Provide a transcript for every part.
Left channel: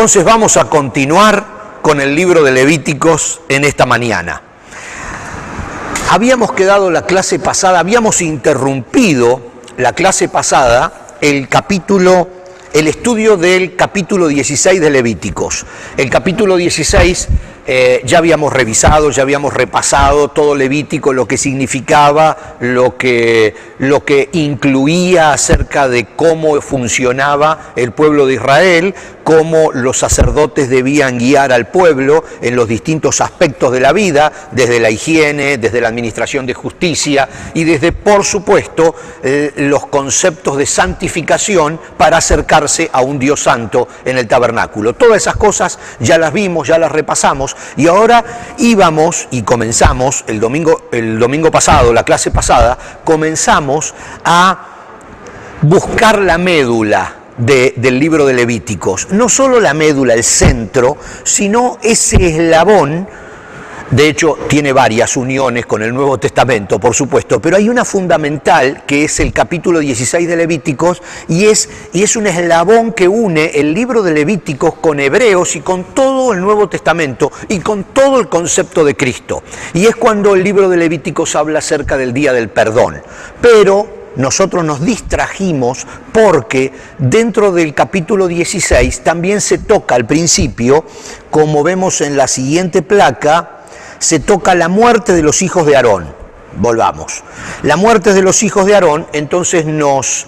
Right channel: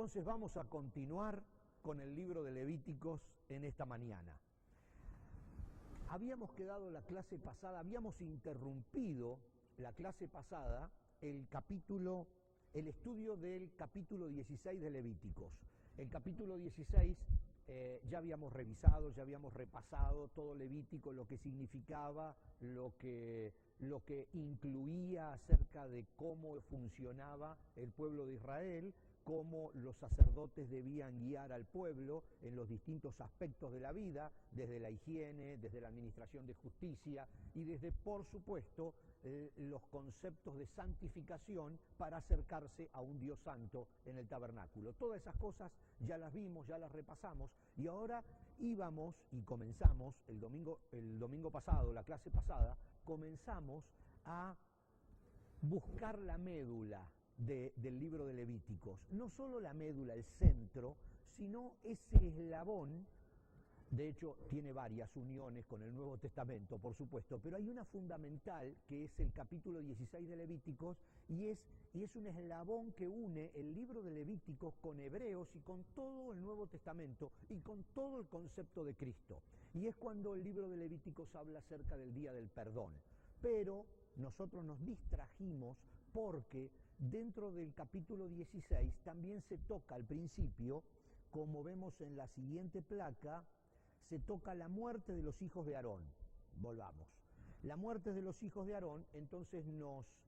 Entonces vamos a continuar con el libro de Levíticos en esta mañana. Habíamos quedado la clase pasada, habíamos interrumpido la clase pasada el estudio del capítulo 16 de Levíticos. El capítulo 16 ya habíamos revisado, ya habíamos repasado todo Levítico, lo que significaba, lo que incluía acerca de cómo funcionaba el pueblo de Israel, cómo los sacerdotes debían guiar al pueblo en los distintos aspectos de la vida, desde la higiene, desde la administración de justicia y desde, por supuesto, los conceptos de santificación para acercarse a un Dios santo en el tabernáculo. Todas esas cosas ya las vimos, ya las repasamos y ahora íbamos y comenzamos el domingo pasado, la clase pasada, comenzamos a buscar la médula del libro de Levíticos. No solo la médula, el centro, sino ese eslabón. De hecho, tiene varias uniones con el Nuevo Testamento, por supuesto, pero hay una fundamental que es el capítulo 16 de Levíticos y es un eslabón que une el libro de Levíticos con Hebreos y con todo el Nuevo Testamento y con todo el concepto de Cristo. Y es cuando el libro de Levíticos habla acerca del día del perdón. Pero nosotros nos distrajimos porque dentro del capítulo 16 también se toca al principio, como vemos en la siguiente placa, se toca la muerte de los hijos de Aarón. Volvamos. La muerte de los hijos de Aarón entonces nos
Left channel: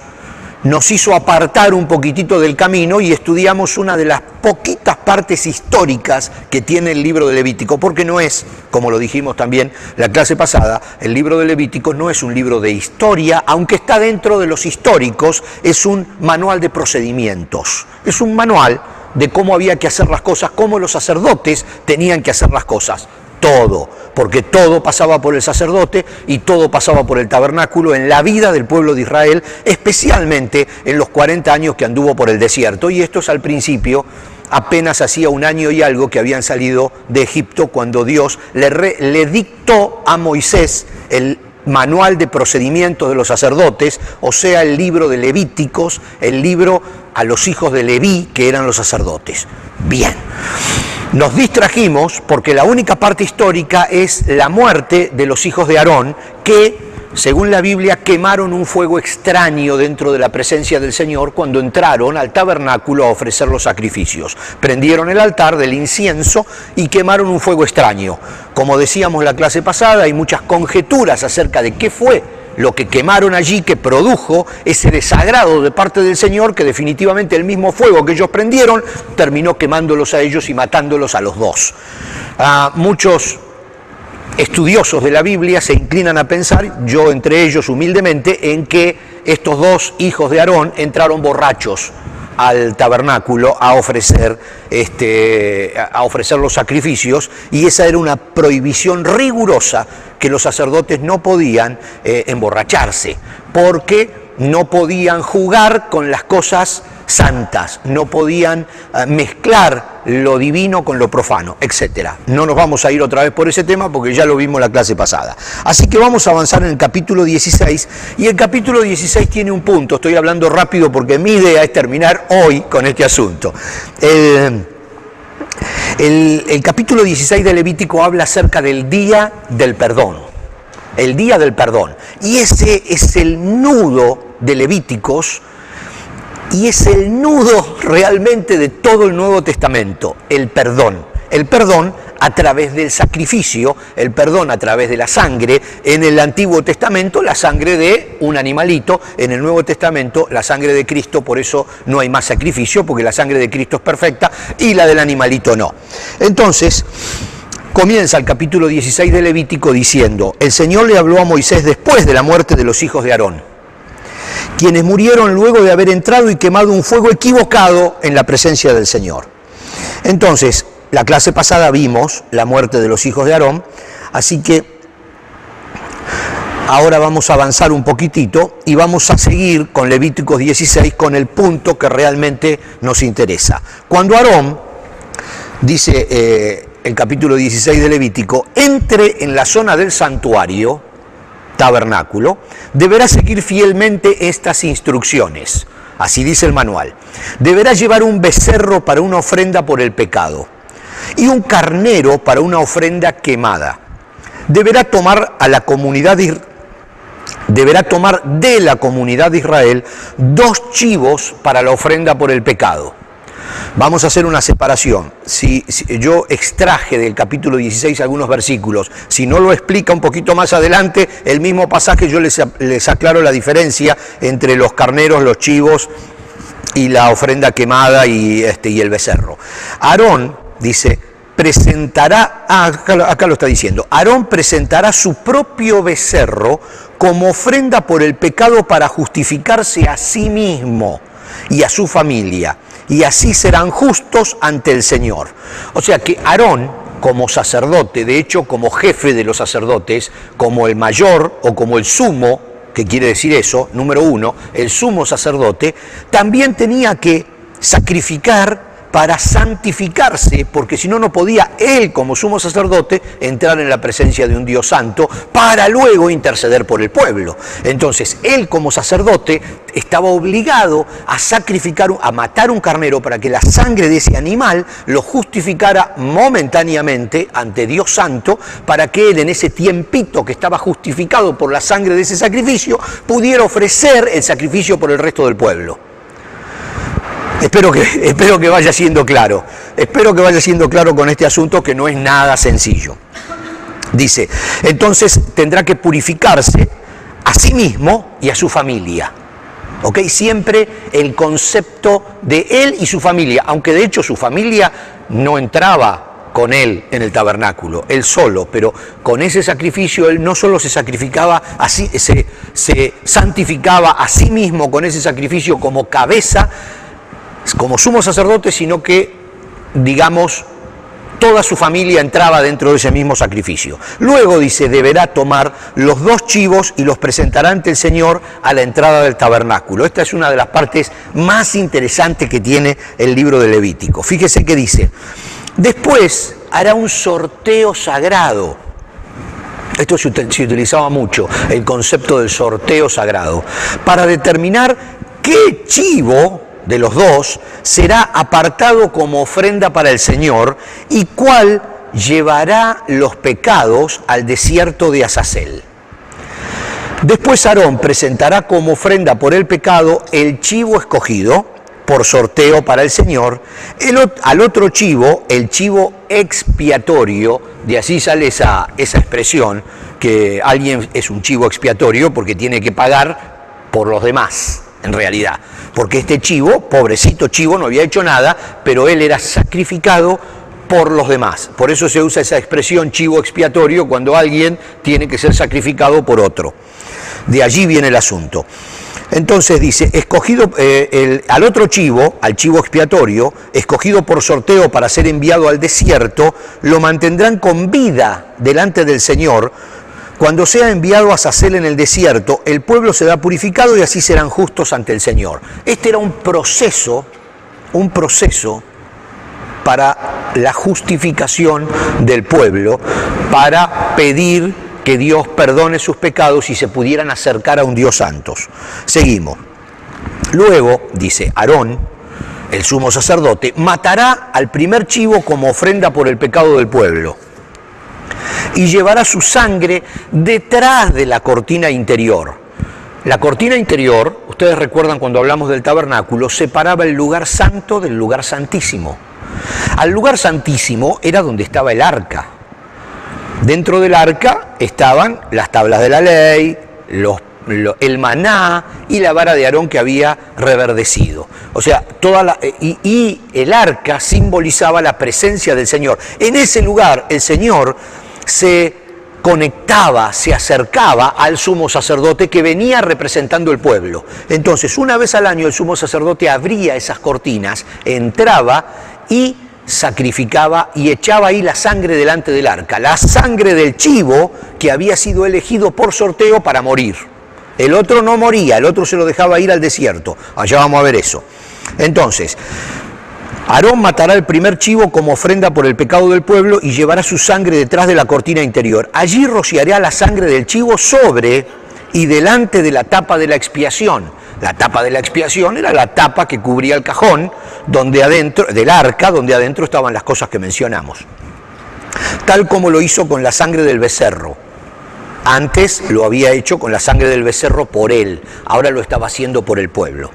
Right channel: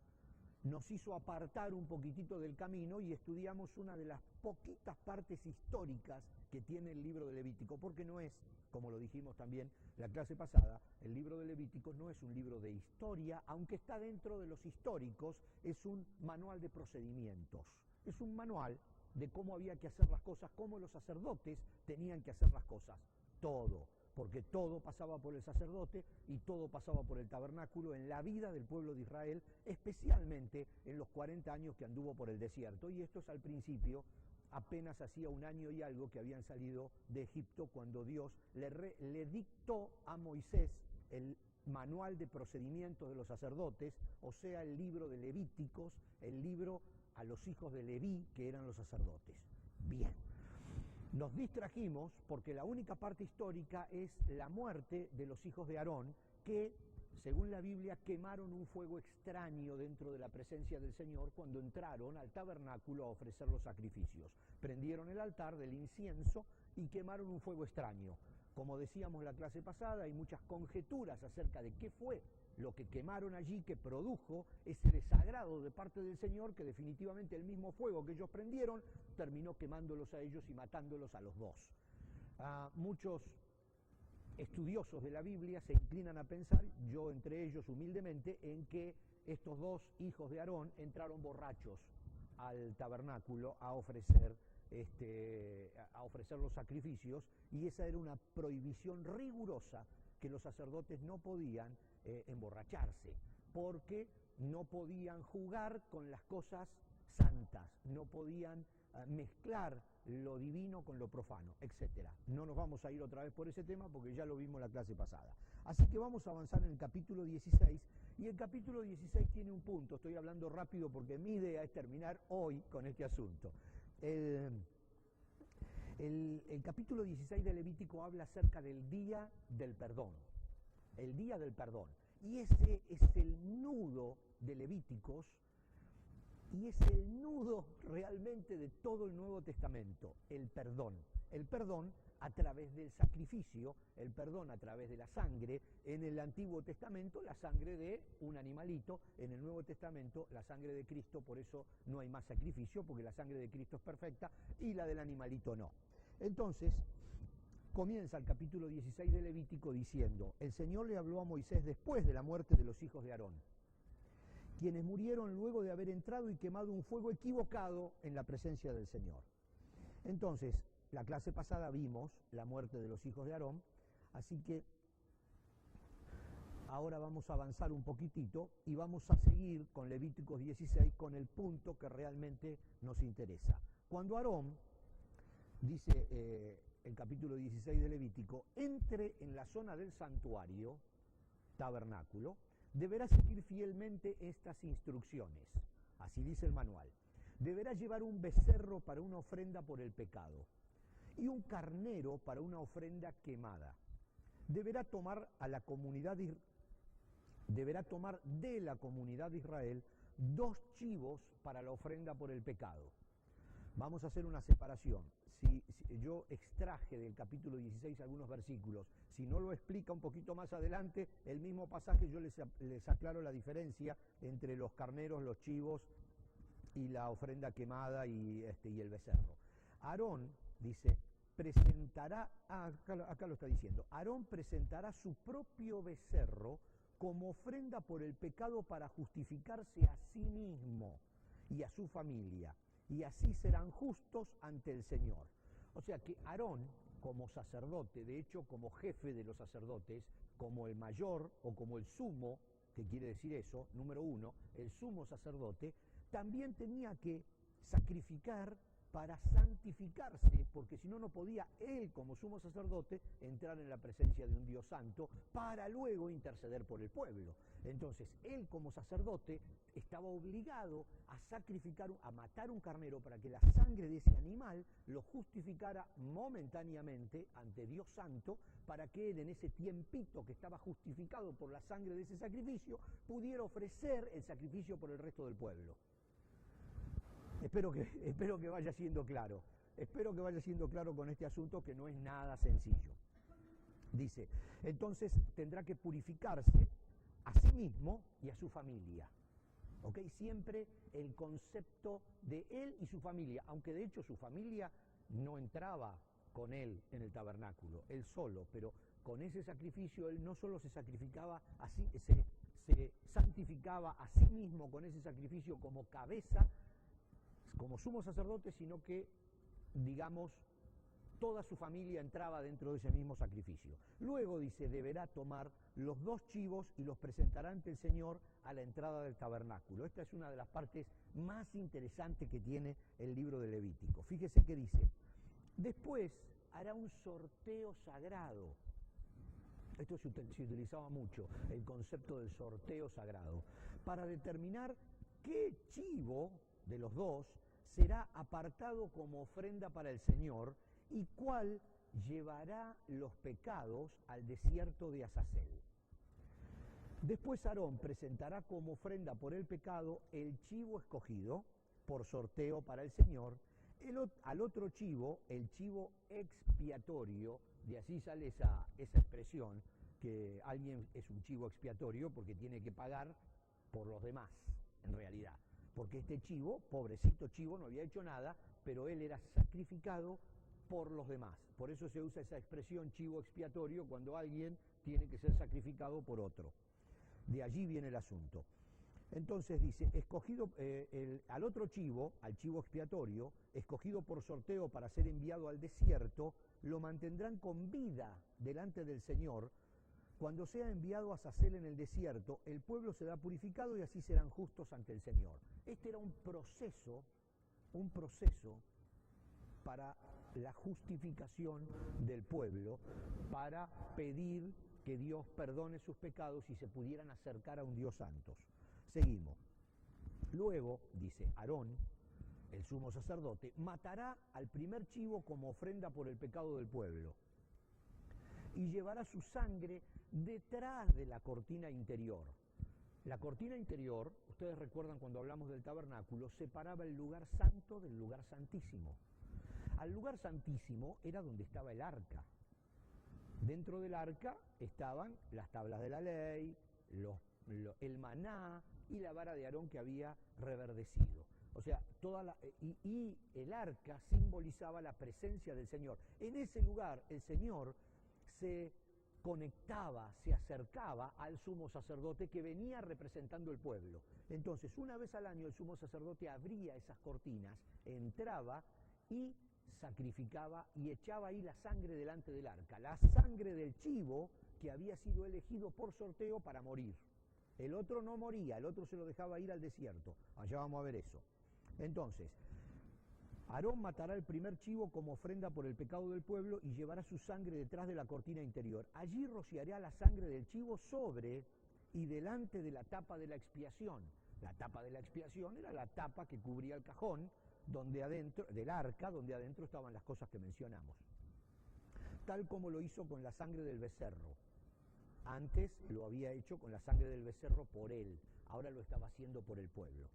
hizo apartar un poquitito del camino y estudiamos una de las poquitas partes históricas que tiene el libro de Levítico, porque no es, como lo dijimos también la clase pasada, el libro de Levítico no es un libro de historia, aunque está dentro de los históricos, es un manual de procedimientos, es un manual de cómo había que hacer las cosas, cómo los sacerdotes tenían que hacer las cosas. Todo, porque todo pasaba por el sacerdote y todo pasaba por el tabernáculo en la vida del pueblo de Israel, especialmente en los 40 años que anduvo por el desierto. Y esto es al principio, apenas hacía un año y algo que habían salido de Egipto, cuando Dios le dictó a Moisés el manual de procedimientos de los sacerdotes, o sea, el libro de Levíticos, el libro a los hijos de Leví, que eran los sacerdotes. Bien. Nos distrajimos porque la única parte histórica es la muerte de los hijos de Aarón que, según la Biblia, quemaron un fuego extraño dentro de la presencia del Señor cuando entraron al tabernáculo a ofrecer los sacrificios. Prendieron el altar del incienso y quemaron un fuego extraño. Como decíamos la clase pasada, hay muchas conjeturas acerca de qué fue lo que quemaron allí, que produjo ese desagrado de parte del Señor, que definitivamente el mismo fuego que ellos prendieron terminó quemándolos a ellos y matándolos a los dos. Muchos estudiosos de la Biblia se inclinan a pensar, yo entre ellos humildemente, en que estos dos hijos de Aarón entraron borrachos al tabernáculo a ofrecer los sacrificios, y esa era una prohibición rigurosa, que los sacerdotes no podían emborracharse, porque no podían jugar con las cosas santas, no podían mezclar lo divino con lo profano, etc. No nos vamos a ir otra vez por ese tema porque ya lo vimos la clase pasada. Así que vamos a avanzar en el capítulo 16, y el capítulo 16 tiene un punto. Estoy hablando rápido porque mi idea es terminar hoy con este asunto. El capítulo 16 de Levítico habla acerca del día del perdón. El día del perdón. Y ese es el nudo de Levíticos, y es el nudo realmente de todo el Nuevo Testamento, el perdón. El perdón a través del sacrificio, el perdón a través de la sangre. En el Antiguo Testamento la sangre de un animalito, en el Nuevo Testamento la sangre de Cristo, por eso no hay más sacrificio, porque la sangre de Cristo es perfecta y la del animalito no. Entonces, comienza el capítulo 16 de Levítico diciendo: el Señor le habló a Moisés después de la muerte de los hijos de Aarón, quienes murieron luego de haber entrado y quemado un fuego equivocado en la presencia del Señor. Entonces, la clase pasada vimos la muerte de los hijos de Aarón, así que ahora vamos a avanzar un poquitito y vamos a seguir con Levíticos 16 con el punto que realmente nos interesa. Cuando Aarón, dice el capítulo 16 de Levítico, entre en la zona del santuario, tabernáculo, deberá seguir fielmente estas instrucciones. así dice el manual. Deberá llevar un becerro para una ofrenda por el pecado y un carnero para una ofrenda quemada. Deberá tomar de la comunidad de Israel 2 chivos para la ofrenda por el pecado. Vamos a hacer una separación. Si yo extraje del capítulo 16 algunos versículos, si no lo explica un poquito más adelante, el mismo pasaje yo les aclaro la diferencia entre los carneros, los chivos y la ofrenda quemada y el becerro. Aarón, dice, presentará, acá lo está diciendo, Aarón presentará su propio becerro como ofrenda por el pecado para justificarse a sí mismo y a su familia, y así serán justos ante el Señor. O sea que Aarón, como sacerdote, de hecho como jefe de los sacerdotes, como el mayor o como el sumo, que quiere decir eso, número 1, el sumo sacerdote, también tenía que sacrificar para santificarse, porque si no, no podía él como sumo sacerdote entrar en la presencia de un Dios santo para luego interceder por el pueblo. Entonces, él como sacerdote estaba obligado a sacrificar, a matar un carnero para que la sangre de ese animal lo justificara momentáneamente ante Dios santo, para que él en ese tiempito que estaba justificado por la sangre de ese sacrificio, pudiera ofrecer el sacrificio por el resto del pueblo. Espero que vaya siendo claro. Espero que vaya siendo claro con este asunto, que no es nada sencillo. Dice, entonces tendrá que purificarse a sí mismo y a su familia. ¿Ok? Siempre el concepto de él y su familia, aunque de hecho su familia no entraba con él en el tabernáculo, él solo, pero con ese sacrificio él no solo se sacrificaba, así, se santificaba a sí mismo con ese sacrificio como cabeza, como sumo sacerdote, sino que, digamos, toda su familia entraba dentro de ese mismo sacrificio. Luego, dice, deberá tomar los 2 chivos y los presentará ante el Señor a la entrada del tabernáculo. Esta es una de las partes más interesantes que tiene el libro de Levítico. Fíjese que dice, después hará un sorteo sagrado. Esto se utilizaba mucho, el concepto del sorteo sagrado, para determinar qué chivo de los 2 será apartado como ofrenda para el Señor y cuál llevará los pecados al desierto de Azazel. Después Aarón presentará como ofrenda por el pecado el chivo escogido por sorteo para el Señor, al otro chivo, el chivo expiatorio, de así sale esa expresión, que alguien es un chivo expiatorio porque tiene que pagar por los demás, en realidad. Porque este chivo, pobrecito chivo, no había hecho nada, pero él era sacrificado por los demás. Por eso se usa esa expresión chivo expiatorio cuando alguien tiene que ser sacrificado por otro. De allí viene el asunto. Entonces dice, escogido al otro chivo, al chivo expiatorio, escogido por sorteo para ser enviado al desierto, lo mantendrán con vida delante del Señor. Cuando sea enviado a Azazel en el desierto, el pueblo será purificado y así serán justos ante el Señor. Este era un proceso para la justificación del pueblo, para pedir que Dios perdone sus pecados y se pudieran acercar a un Dios santo. Seguimos. Luego, dice, Aarón, el sumo sacerdote, matará al primer chivo como ofrenda por el pecado del pueblo y llevará su sangre detrás de la cortina interior. La cortina interior, ustedes recuerdan cuando hablamos del tabernáculo, separaba el lugar santo del lugar santísimo. Al lugar santísimo era donde estaba el arca. Dentro del arca estaban las tablas de la ley, el maná y la vara de Aarón que había reverdecido. O sea, y el arca simbolizaba la presencia del Señor. En ese lugar el Señor se conectaba, se acercaba al sumo sacerdote que venía representando el pueblo. Entonces, una vez al año el sumo sacerdote abría esas cortinas, entraba y sacrificaba y echaba ahí la sangre delante del arca, la sangre del chivo que había sido elegido por sorteo para morir. El otro no moría, el otro se lo dejaba ir al desierto. Allá vamos a ver eso. Entonces, Aarón matará el primer chivo como ofrenda por el pecado del pueblo y llevará su sangre detrás de la cortina interior. Allí rociará la sangre del chivo sobre y delante de la tapa de la expiación. La tapa de la expiación era la tapa que cubría el cajón donde adentro, del arca, donde adentro estaban las cosas que mencionamos. Tal como lo hizo con la sangre del becerro. Antes lo había hecho con la sangre del becerro por él, ahora lo estaba haciendo por el pueblo.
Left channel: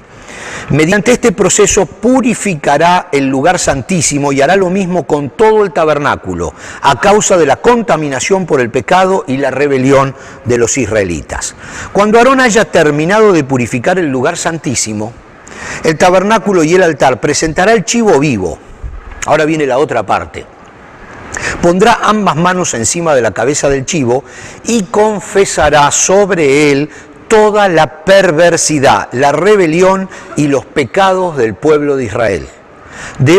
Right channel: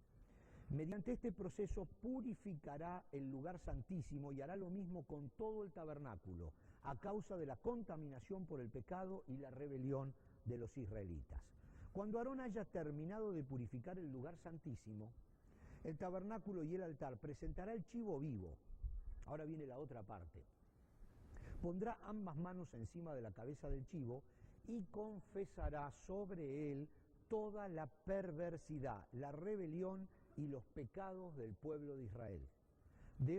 Mediante este proceso purificará el lugar santísimo y hará lo mismo con todo el tabernáculo, a causa de la contaminación por el pecado y la rebelión de los israelitas. Cuando Aarón haya terminado de purificar el lugar santísimo, el tabernáculo y el altar, presentará el chivo vivo. Ahora viene la otra parte. Pondrá ambas manos encima de la cabeza del chivo y confesará sobre él toda la perversidad, la rebelión y los pecados del pueblo de Israel. De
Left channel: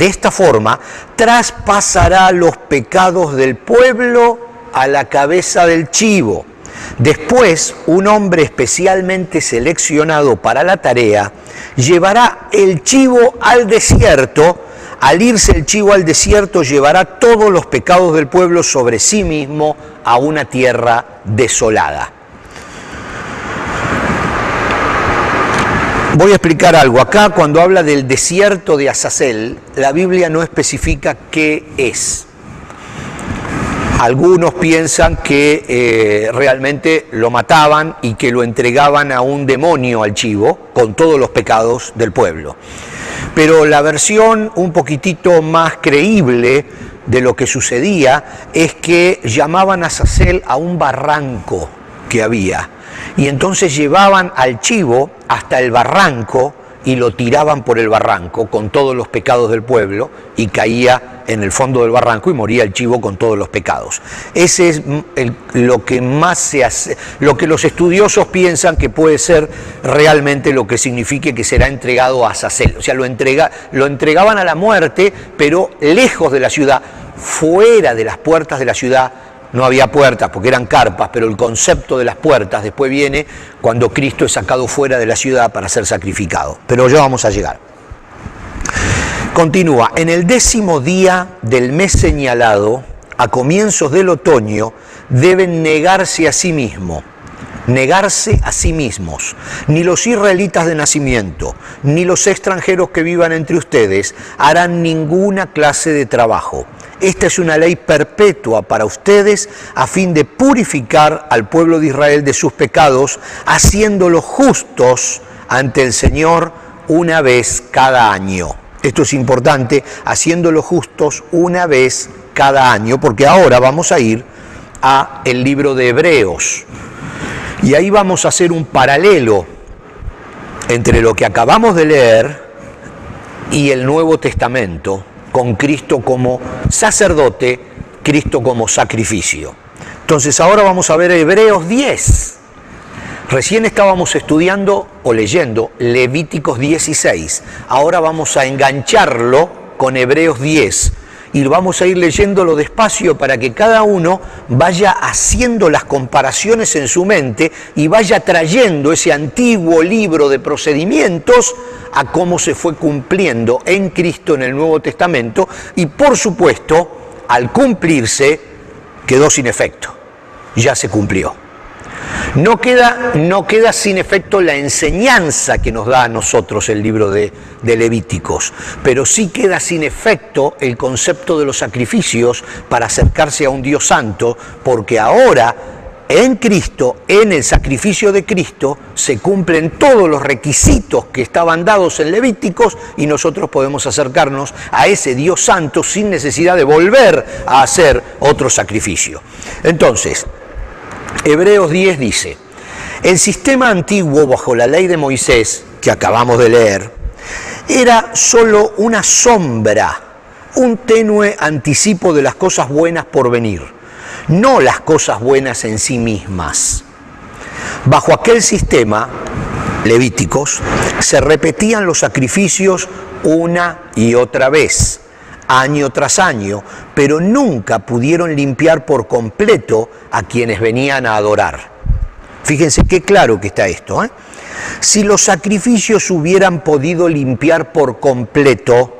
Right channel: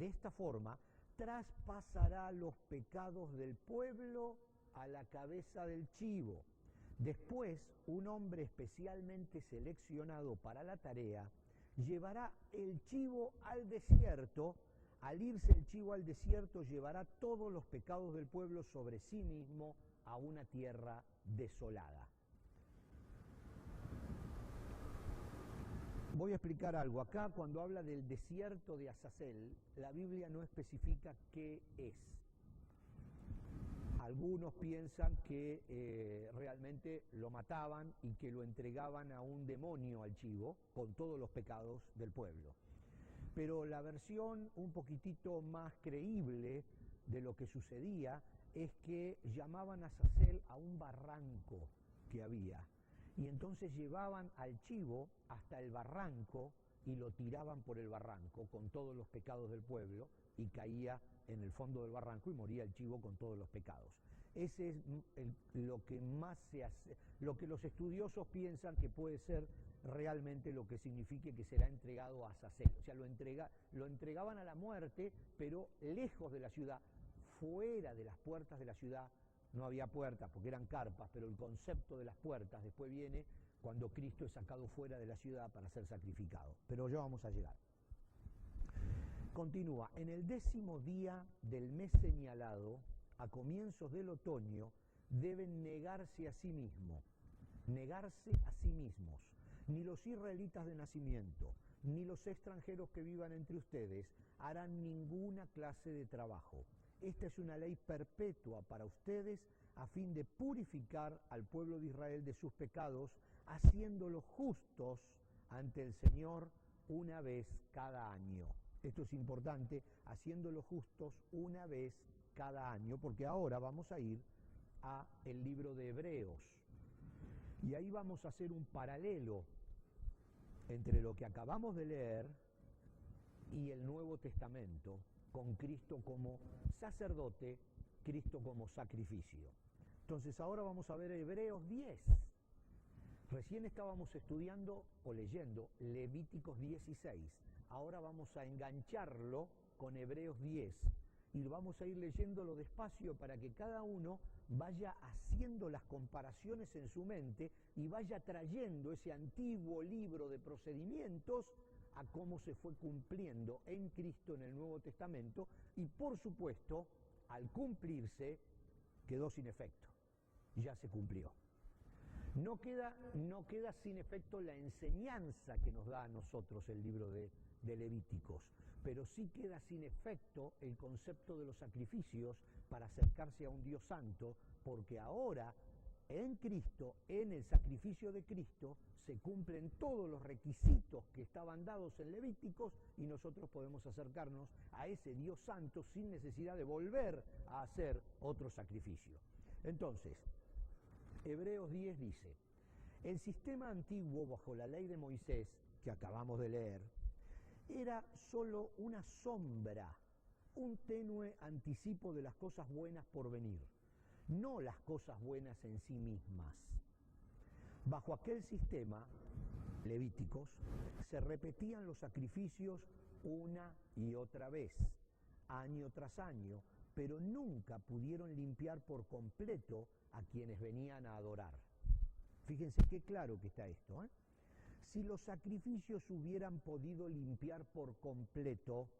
esta forma, traspasará los pecados del pueblo a la cabeza del chivo. Después, un hombre especialmente seleccionado para la tarea llevará el chivo al desierto. Al irse el chivo al desierto, llevará todos los pecados del pueblo sobre sí mismo a una tierra desolada. Voy a explicar algo. Acá, cuando habla del desierto de Azazel, la Biblia no especifica qué es. Algunos piensan que realmente lo mataban y que lo entregaban a un demonio al chivo con todos los pecados del pueblo. Pero la versión un poquitito más creíble de lo que sucedía es que llamaban a Azazel a un barranco que había. Y entonces llevaban al chivo hasta el barranco y lo tiraban por el barranco con todos los pecados del pueblo y caía en el fondo del barranco y moría el chivo con todos los pecados. Ese es lo que más se hace, lo que los estudiosos piensan que puede ser realmente lo que signifique que será entregado a Azazel. O sea, lo entregaban a la muerte, pero lejos de la ciudad, fuera de las puertas de la ciudad. No había puertas porque eran carpas, pero el concepto de las puertas después viene cuando Cristo es sacado fuera de la ciudad para ser sacrificado. Pero ya vamos a llegar. Continúa, en el 10º día del mes señalado, a comienzos del otoño, deben negarse a sí mismos. Negarse a sí mismos. Ni los israelitas de nacimiento, ni los extranjeros que vivan entre ustedes harán ninguna clase de trabajo. Esta es una ley perpetua para ustedes a fin de purificar al pueblo de Israel de sus pecados, haciéndolos justos ante el Señor una vez cada año. Esto es importante, haciéndolos justos una vez cada año, porque ahora vamos a ir a el libro de Hebreos. Y ahí vamos a hacer un paralelo entre lo que acabamos de leer y el Nuevo Testamento, con Cristo como sacerdote, Cristo como sacrificio. Entonces ahora vamos a ver Hebreos 10. Recién estábamos estudiando o leyendo Levíticos 16. Ahora vamos a engancharlo con Hebreos 10. Y vamos a ir leyéndolo despacio para que cada uno vaya haciendo las comparaciones en su mente y vaya trayendo ese antiguo libro de procedimientos a cómo se fue cumpliendo en Cristo en el Nuevo Testamento y, por supuesto, al cumplirse, quedó sin efecto. Ya se cumplió. No queda sin efecto la enseñanza que nos da a nosotros el libro de Levíticos, pero sí queda sin efecto el concepto de los sacrificios para acercarse a un Dios santo, porque ahora en Cristo, en el sacrificio de Cristo, se cumplen todos los requisitos que estaban dados en Levíticos y nosotros podemos acercarnos a ese Dios santo sin necesidad de volver a hacer otro sacrificio. Entonces, Hebreos 10 dice, el sistema antiguo bajo la ley de Moisés, que acabamos de leer, era solo una sombra, un tenue anticipo de las cosas buenas por venir, no las cosas buenas en sí mismas. Bajo aquel sistema, Levíticos, se repetían los sacrificios una y otra vez, año tras año, pero nunca pudieron limpiar por completo a quienes venían a adorar. Fíjense qué claro que está esto, ¿eh? Si los sacrificios hubieran podido limpiar por completo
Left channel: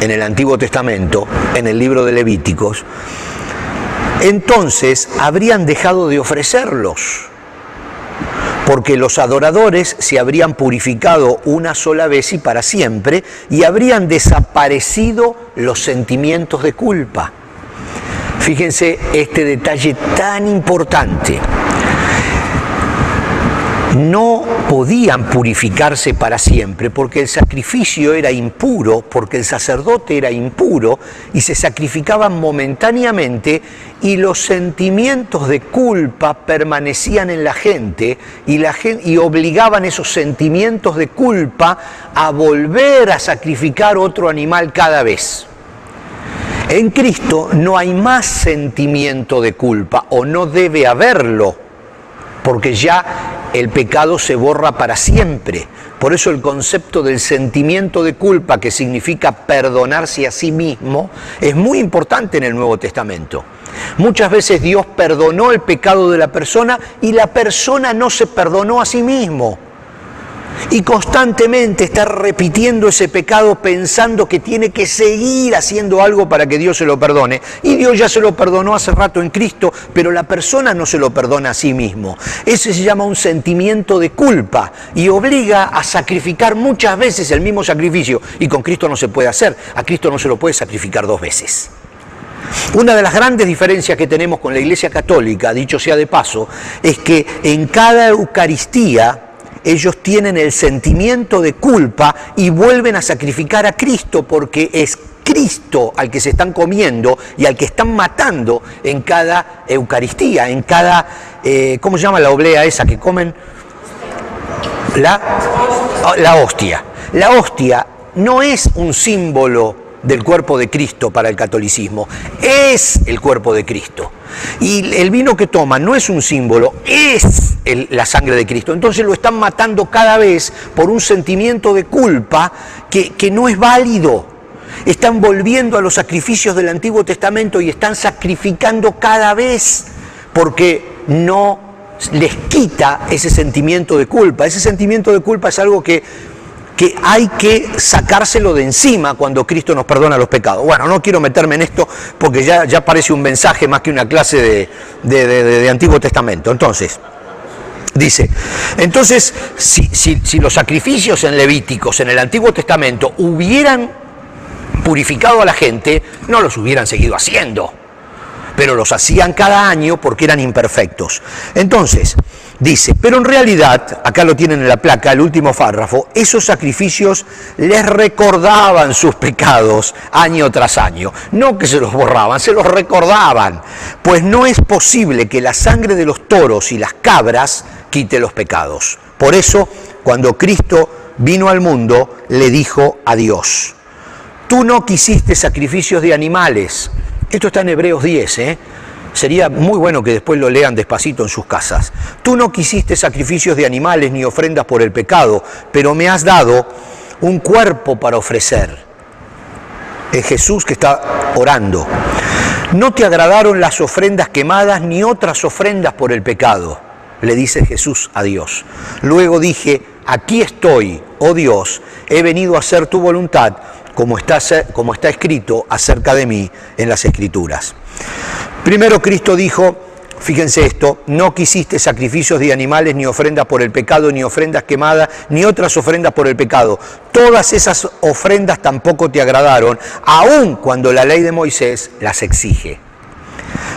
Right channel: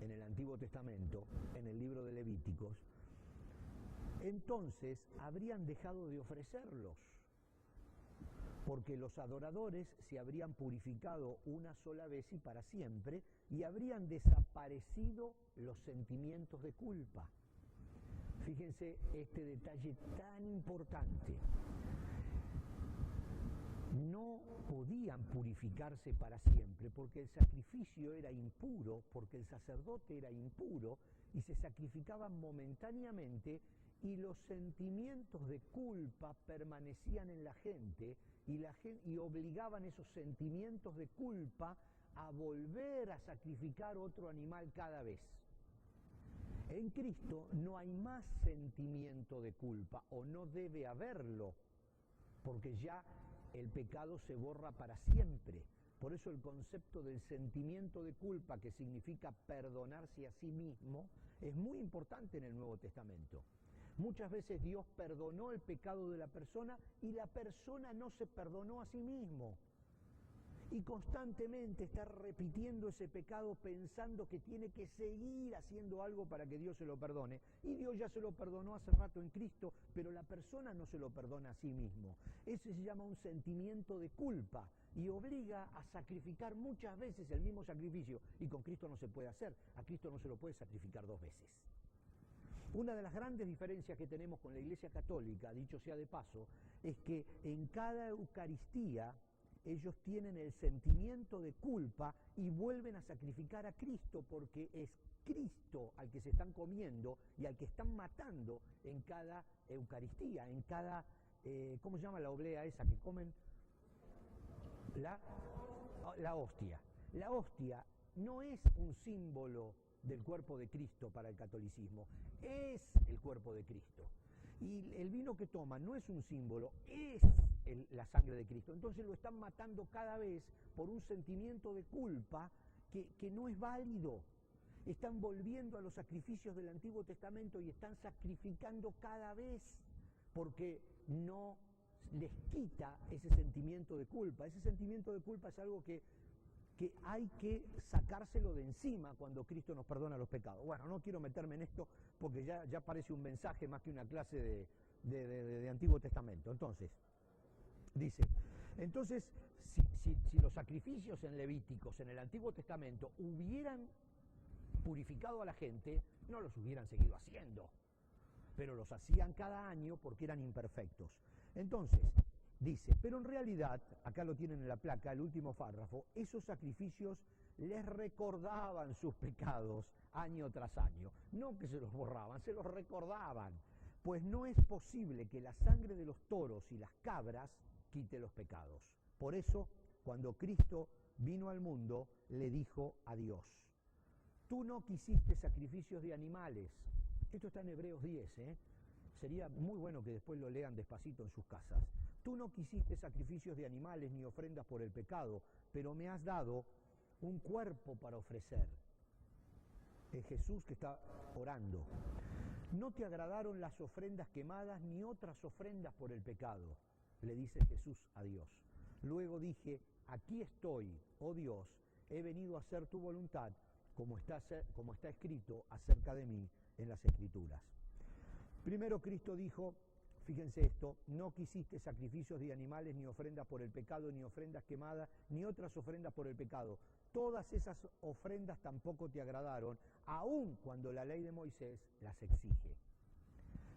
en el Antiguo Testamento, en el libro de Levíticos, entonces habrían dejado de ofrecerlos, porque los adoradores se habrían purificado una sola vez y para siempre, y habrían desaparecido los sentimientos de culpa. Fíjense este detalle tan importante. No podían purificarse para siempre porque el sacrificio era impuro, porque el sacerdote era impuro y se sacrificaban momentáneamente, y los sentimientos de culpa permanecían en la gente y obligaban esos sentimientos de culpa a volver a sacrificar otro animal cada vez. En Cristo no hay más sentimiento de culpa, o no debe haberlo, porque ya el pecado se borra para siempre. Por eso el concepto del sentimiento de culpa, que significa perdonarse a sí mismo, es muy importante en el Nuevo Testamento. Muchas veces Dios perdonó el pecado de la persona y la persona no se perdonó a sí mismo. Y constantemente está repitiendo ese pecado pensando que tiene que seguir haciendo algo para que Dios se lo perdone. Y Dios ya se lo perdonó hace rato en Cristo, pero la persona no se lo perdona a sí mismo. Ese se llama un sentimiento de culpa y obliga a sacrificar muchas veces el mismo sacrificio. Y con Cristo no se puede hacer. A Cristo no se lo puede sacrificar 2 veces. Una de las grandes diferencias que tenemos con la Iglesia Católica, dicho sea de paso, es que en cada Eucaristía ellos tienen el sentimiento de culpa y vuelven a sacrificar a Cristo, porque es Cristo al que se están comiendo y al que están matando en cada Eucaristía, en cada, ¿cómo se llama la oblea esa que comen? La hostia. La hostia no es un símbolo del cuerpo de Cristo para el catolicismo, es el cuerpo de Cristo. Y el vino que toman no es un símbolo, es la sangre de Cristo. Entonces lo están matando cada vez por un sentimiento de culpa que no es válido. Están volviendo a los sacrificios del Antiguo Testamento y están sacrificando cada vez porque no les quita ese sentimiento de culpa. Ese sentimiento de culpa es algo que hay que sacárselo de encima cuando Cristo nos perdona los pecados. Bueno, no quiero meterme en esto porque ya parece un mensaje más que una clase de Antiguo Testamento. Entonces, dice, si los sacrificios en Levíticos, en el Antiguo Testamento, hubieran purificado a la gente, no los hubieran seguido haciendo, pero los hacían cada año porque eran imperfectos. Entonces, dice, pero en realidad, acá lo tienen en la placa, el último párrafo, esos sacrificios les recordaban sus pecados año tras año. No que se los borraban, se los recordaban. Pues no es posible que la sangre de los toros y las cabras quite los pecados. Por eso, cuando Cristo vino al mundo, le dijo a Dios: tú no quisiste sacrificios de animales. Esto está en Hebreos 10, Sería muy bueno que después lo lean despacito en sus casas. Tú no quisiste sacrificios de animales ni ofrendas por el pecado, pero me has dado un cuerpo para ofrecer. Es Jesús que está orando. No te agradaron las ofrendas quemadas ni otras ofrendas por el pecado, le dice Jesús a Dios. Luego dije, aquí estoy, oh Dios, he venido a hacer tu voluntad, como está escrito acerca de mí en las Escrituras. Primero Cristo dijo, fíjense esto, no quisiste sacrificios de animales, ni ofrendas por el pecado, ni ofrendas quemadas, ni otras ofrendas por el pecado. Todas esas ofrendas tampoco te agradaron, aun cuando la ley de Moisés las exige.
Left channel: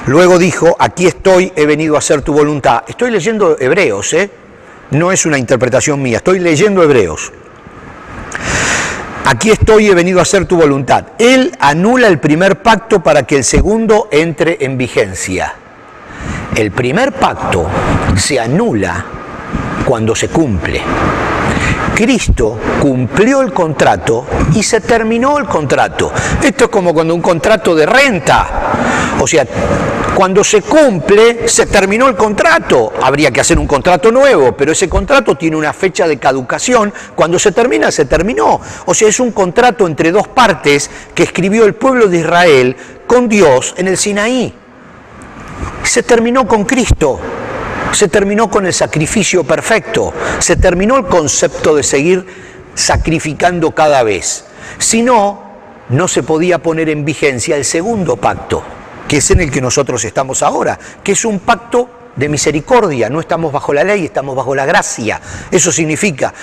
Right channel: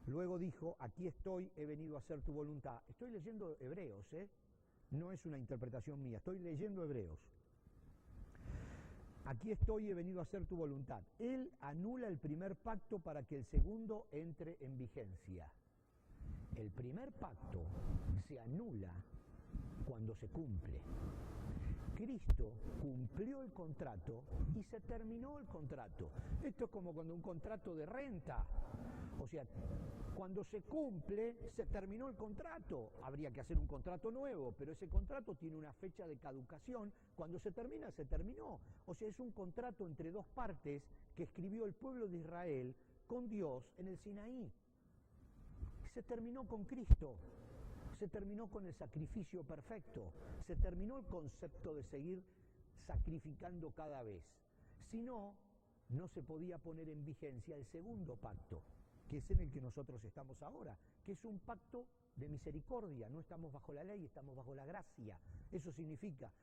Luego dijo, aquí estoy, he venido a hacer tu voluntad. Estoy leyendo Hebreos, no es una interpretación mía, estoy leyendo Hebreos. Aquí estoy, he venido a hacer tu voluntad. Él anula el primer pacto para que el segundo entre en vigencia. El primer pacto se anula cuando se cumple. Cristo cumplió el contrato y se terminó el contrato. Esto es como cuando un contrato de renta. O sea, cuando se cumple, se terminó el contrato. Habría que hacer un contrato nuevo, pero ese contrato tiene una fecha de caducación. Cuando se termina, se terminó. O sea, es un contrato entre dos partes que escribió el pueblo de Israel con Dios en el Sinaí. Se terminó con Cristo. Se terminó con el sacrificio perfecto. Se terminó el concepto de seguir sacrificando cada vez. Si no, no se podía poner en vigencia el segundo pacto. que es en el que nosotros estamos ahora, que es un pacto de misericordia. No estamos bajo la ley, estamos bajo la gracia. Eso significa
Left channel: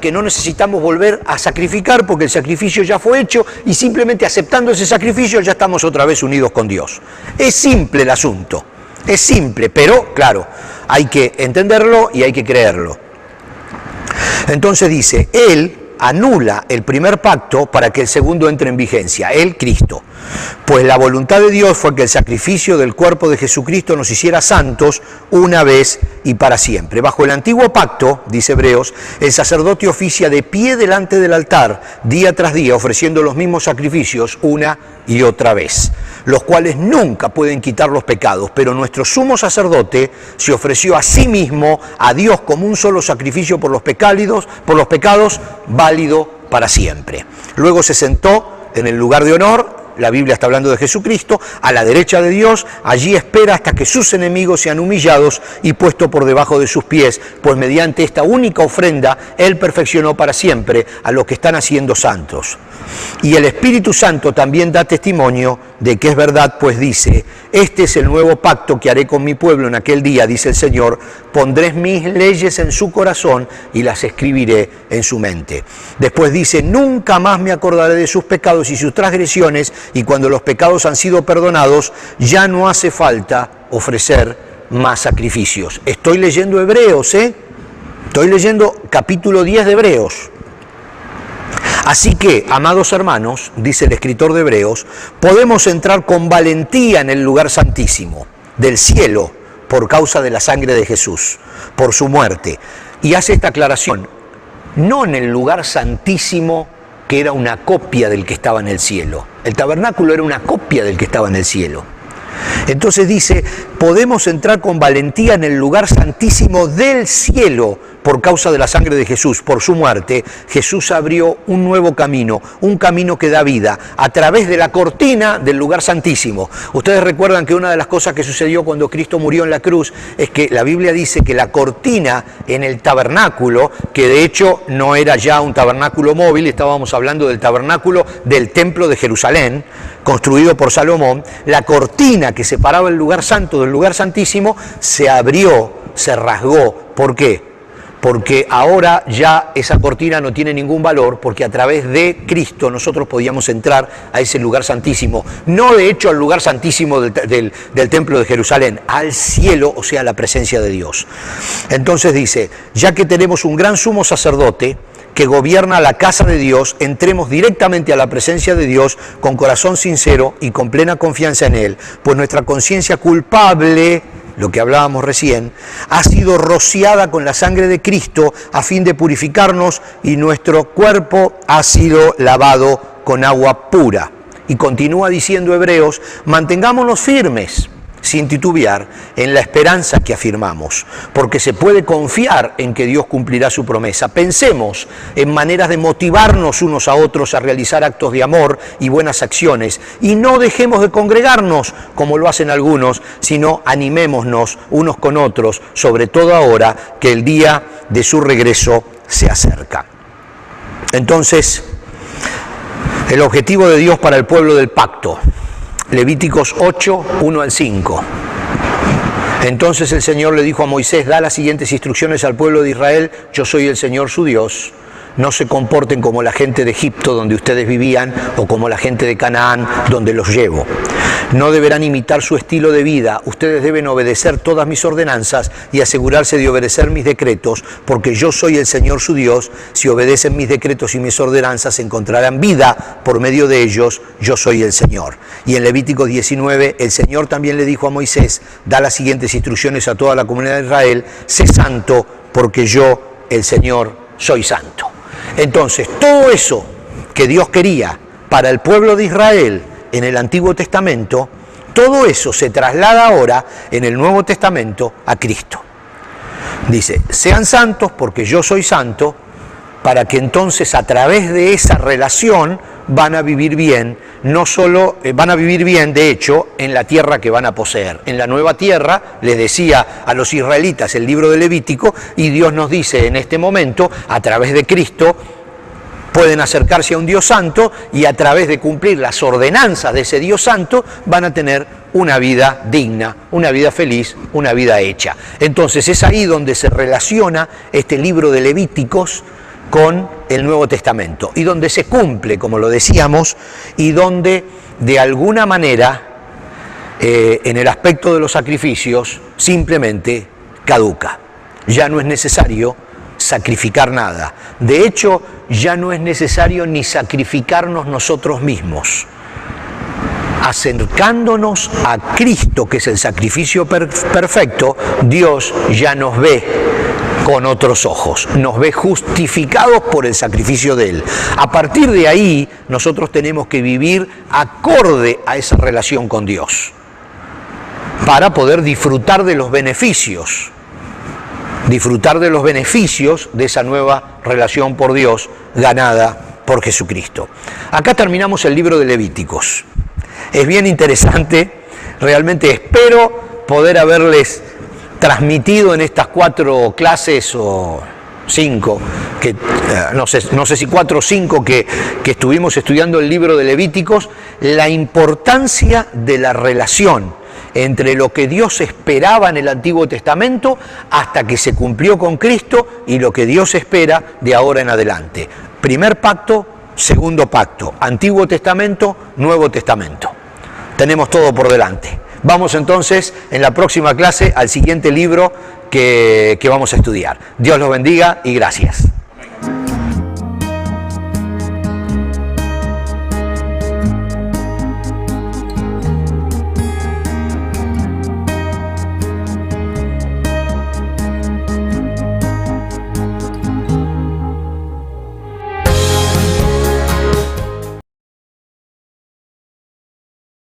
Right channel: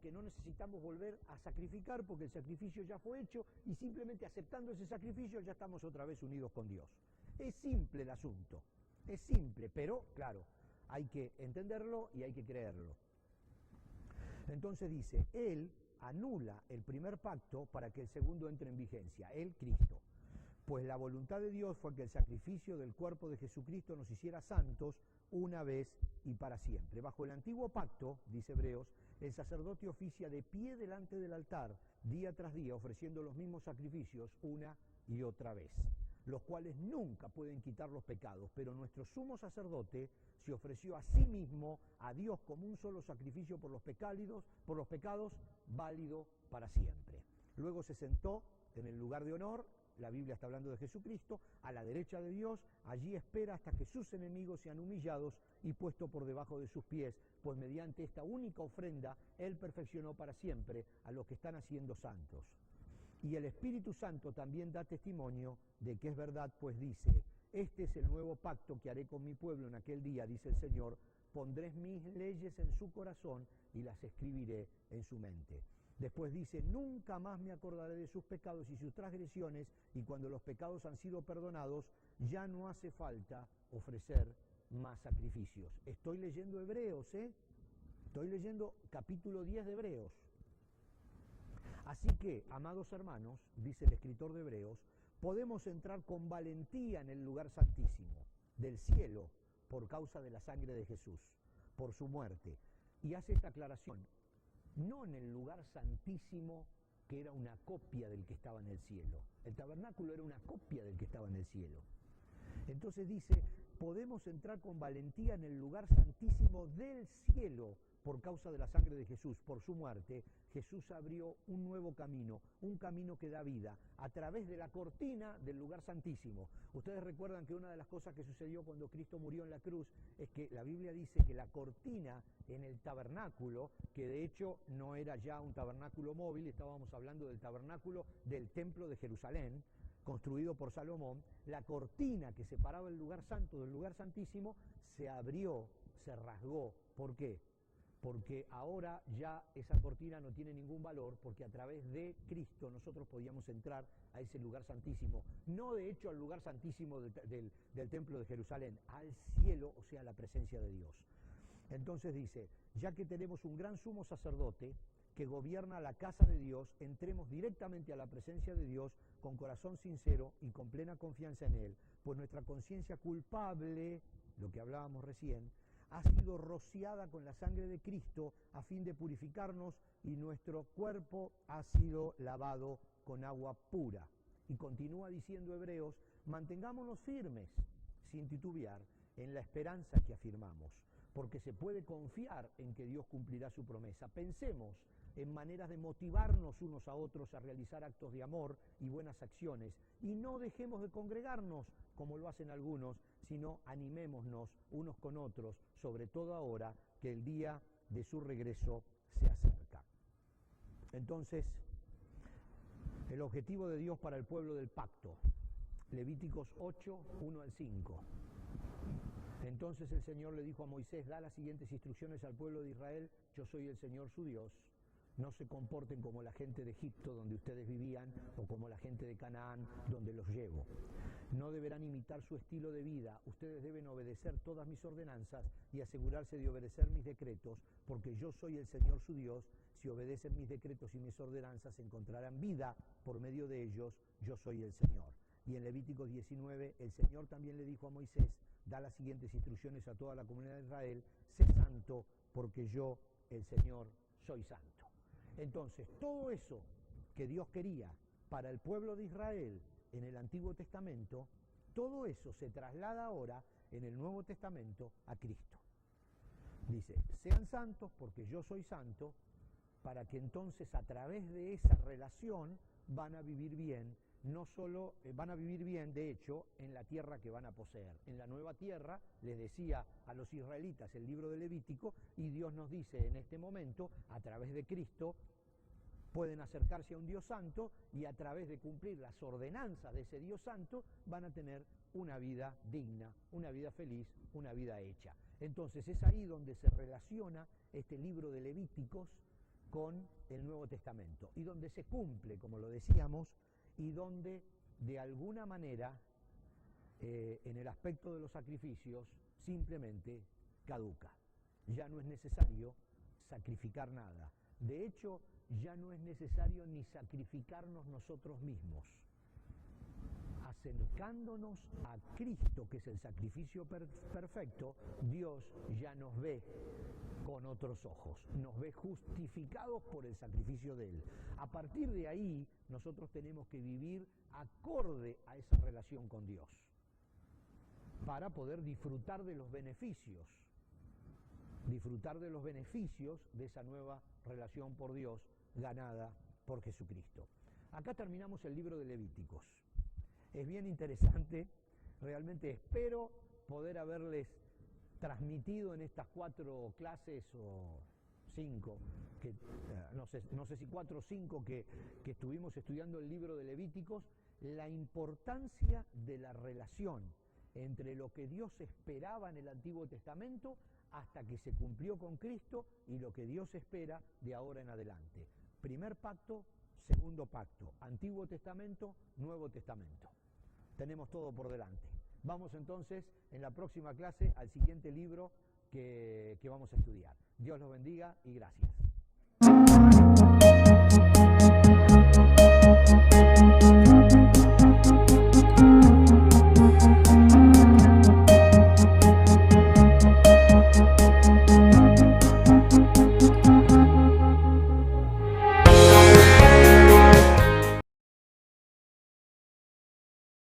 que no necesitamos volver a sacrificar porque el sacrificio ya fue hecho y simplemente aceptando ese sacrificio ya estamos otra vez unidos con Dios. Es simple el asunto, es simple, pero claro, hay que entenderlo y hay que creerlo. Entonces dice, Él anula el primer pacto para que el segundo entre en vigencia, Él, Cristo. Pues la voluntad de Dios fue que el sacrificio del cuerpo de Jesucristo nos hiciera santos una vez y para siempre. Bajo el antiguo pacto, dice Hebreos, el sacerdote oficia de pie delante del altar, día tras día, ofreciendo los mismos sacrificios una y otra vez, los cuales nunca pueden quitar los pecados, pero nuestro sumo sacerdote se ofreció a sí mismo, a Dios, como un solo sacrificio por los pecados, válido para siempre. Luego se sentó en el lugar de honor. La Biblia está hablando de Jesucristo, a la derecha de Dios. Allí espera hasta que sus enemigos sean humillados y puestos por debajo de sus pies, pues mediante esta única ofrenda Él perfeccionó para siempre a los que están haciendo santos. Y el Espíritu Santo también da testimonio de que es verdad, pues dice, este es el nuevo pacto que haré con mi pueblo en aquel día, dice el Señor, pondré mis leyes en su corazón y las escribiré en su mente. Después dice, nunca más me acordaré de sus pecados y sus transgresiones, y cuando los pecados han sido perdonados, ya no hace falta ofrecer más sacrificios. Estoy leyendo Hebreos, Estoy leyendo capítulo 10 de Hebreos. Así que, amados hermanos, dice el escritor de Hebreos, podemos entrar con valentía en el lugar santísimo del cielo por causa de la sangre de Jesús, por su muerte. Y hace esta aclaración, no en el lugar santísimo que era una copia del que estaba en el cielo. El tabernáculo era una copia del que estaba en el cielo. Entonces dice, podemos entrar con valentía en el lugar santísimo del cielo por causa de la sangre de Jesús, por su muerte. Jesús abrió un nuevo camino, un camino que da vida, a través de la cortina del lugar santísimo. Ustedes recuerdan que una de las cosas que sucedió cuando Cristo murió en la cruz es que la Biblia dice que la cortina en el tabernáculo, que de hecho no era ya un tabernáculo móvil, estábamos hablando del tabernáculo del templo de Jerusalén, construido por Salomón, la cortina que separaba el lugar santo del lugar santísimo se abrió, se rasgó. ¿Por qué? Porque ahora ya esa cortina no tiene ningún valor, porque a través de Cristo nosotros podíamos entrar a ese lugar santísimo. No de hecho al lugar santísimo del templo de Jerusalén, al cielo, o sea, la presencia de Dios. Entonces dice, ya que tenemos un gran sumo sacerdote que gobierna la casa de Dios, entremos directamente a la presencia de Dios con corazón sincero y con plena confianza en Él, pues nuestra conciencia culpable, lo que hablábamos recién, ha sido rociada con la sangre de Cristo a fin de purificarnos y nuestro cuerpo ha sido lavado con agua pura. Y continúa diciendo Hebreos, mantengámonos firmes, sin titubear, en la esperanza que afirmamos, porque se puede confiar en que Dios cumplirá su promesa. Pensemos en maneras de motivarnos unos a otros a realizar actos de amor y buenas acciones, y no dejemos de congregarnos como lo hacen algunos, sino animémonos unos con otros, sobre todo ahora que el día de su regreso se acerca. Entonces, el objetivo de Dios para el pueblo del pacto, Levíticos 8, 1 al 5. Entonces el Señor le dijo a Moisés, da las siguientes instrucciones al pueblo de Israel, yo soy el Señor su Dios. No se comporten como la gente de Egipto donde ustedes vivían o como la gente de Canaán donde los llevo. No deberán imitar su estilo de vida. Ustedes deben obedecer todas mis ordenanzas y asegurarse de obedecer mis decretos, porque yo soy el Señor su Dios. Si obedecen mis decretos y mis ordenanzas, encontrarán vida por medio de ellos. Yo soy el Señor. Y en Levítico 19, el Señor también le dijo a Moisés, da las siguientes instrucciones a toda la comunidad de Israel, sé santo, porque yo, el Señor, soy santo. Entonces, todo eso que Dios quería para el pueblo de Israel en el Antiguo Testamento, todo eso se traslada ahora en el Nuevo Testamento a Cristo. Dice, sean santos porque yo soy santo, para que entonces a través de esa relación van a vivir bien, no solo van a vivir bien, de hecho, en la tierra que van a poseer. En la nueva tierra, les decía a los israelitas el libro de Levítico, y Dios nos dice en este momento, a través de Cristo, pueden acercarse a un Dios santo y a través de cumplir las ordenanzas de ese Dios santo van a tener una vida digna, una vida feliz, una vida hecha. Entonces es ahí donde se relaciona este libro de Levíticos con el Nuevo Testamento y donde se cumple, como lo decíamos, y donde de alguna manera en el aspecto de los sacrificios simplemente caduca. Ya no es necesario sacrificar nada. De hecho, ya no es necesario ni sacrificarnos nosotros mismos. Acercándonos a Cristo, que es el sacrificio perfecto, Dios ya nos ve con otros ojos, nos ve justificados por el sacrificio de Él. A partir de ahí, nosotros tenemos que vivir acorde a esa relación con Dios, para poder disfrutar de los beneficios de esa nueva relación por Dios ganada por Jesucristo. Acá terminamos el libro de Levíticos. Es bien interesante, realmente espero poder haberles transmitido en estas 4 clases o 5, que no sé si 4 o 5 que estuvimos estudiando el libro de Levíticos, la importancia de la relación entre lo que Dios esperaba en el Antiguo Testamento hasta que se cumplió con Cristo y lo que Dios espera de ahora en adelante. Primer pacto, segundo pacto, Antiguo Testamento, Nuevo Testamento. Tenemos todo por delante. Vamos entonces en la próxima clase al siguiente libro que vamos a estudiar. Dios los bendiga y gracias.